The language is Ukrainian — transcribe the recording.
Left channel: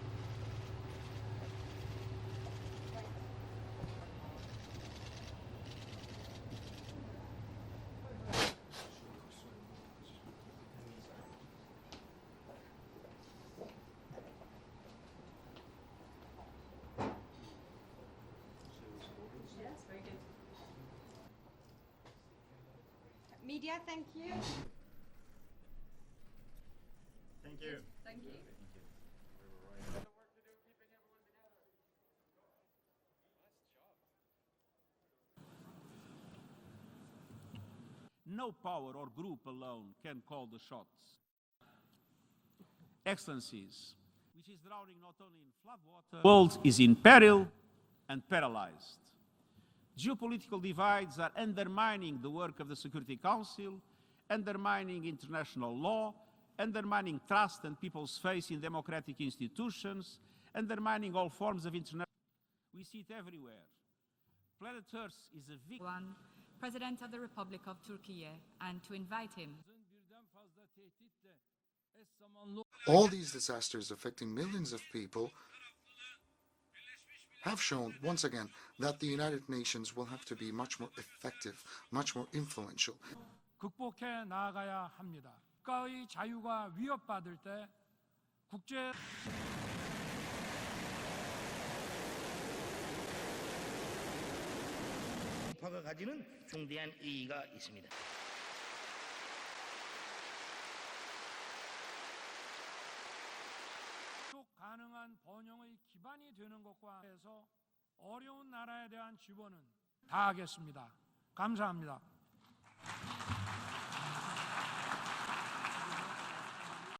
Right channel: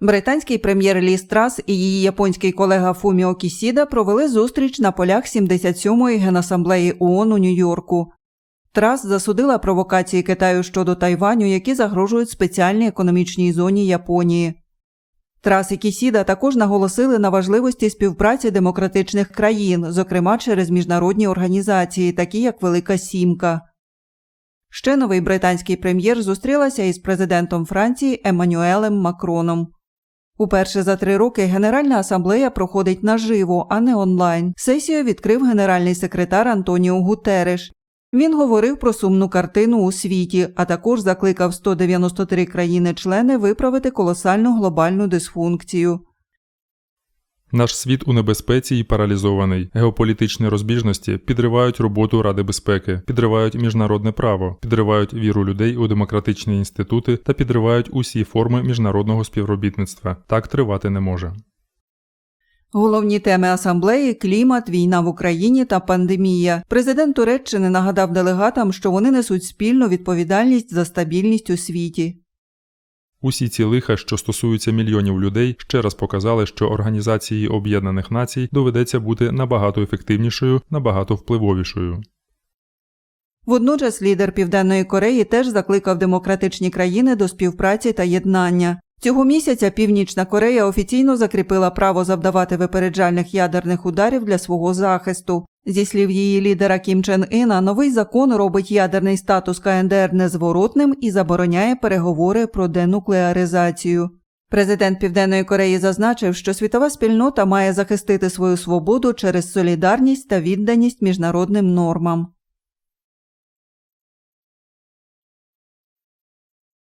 Британський прем'єр Лі Страс і її японський колега Фуміо Кісіда провели зустріч на полях 77-ї генасамблеї ООН у Нью-Йорку. Трас засудила провокації Китаю щодо Тайваню, які загрожують спеціальній економічній зоні Японії. Трас і Кісіда також наголосили на важливості співпраці демократичних країн, зокрема через міжнародні організації, такі як Велика Сімка. Ще новий британський прем'єр зустрілася із президентом Франції Еммануелем Макроном. Уперше за три роки Генеральна асамблея проходить наживо, а не онлайн. Сесію відкрив генеральний секретар Антоніо Гутереш. Він говорив про сумну картину у світі, а також закликав 193 країни-члени виправити колосальну глобальну дисфункцію. Наш світ у небезпеці і паралізований. Геополітичні розбіжності підривають роботу Ради безпеки, підривають міжнародне право, підривають віру людей у демократичні інститути та підривають усі форми міжнародного співробітництва. Так тривати не може. Головні теми асамблеї клімат, війна в Україні та пандемія. Президент Туреччини нагадав делегатам, що вони несуть спільну відповідальність за стабільність у світі. Усі ці лиха, що стосуються мільйонів людей, ще раз показали, що організації Об'єднаних Націй доведеться бути набагато ефективнішою, набагато впливовішою. Водночас лідер Південної Кореї теж закликав демократичні країни до співпраці та єднання. Цього місяця Північна Корея офіційно закріпила право завдавати випереджальних ядерних ударів для свого захисту. Зі слів її лідера Кім Чен Іна, новий закон робить ядерний статус КНДР незворотним і забороняє переговори про денуклеаризацію. Президент Південної Кореї зазначив, що світова спільнота має захистити свою свободу через солідарність та відданість міжнародним нормам.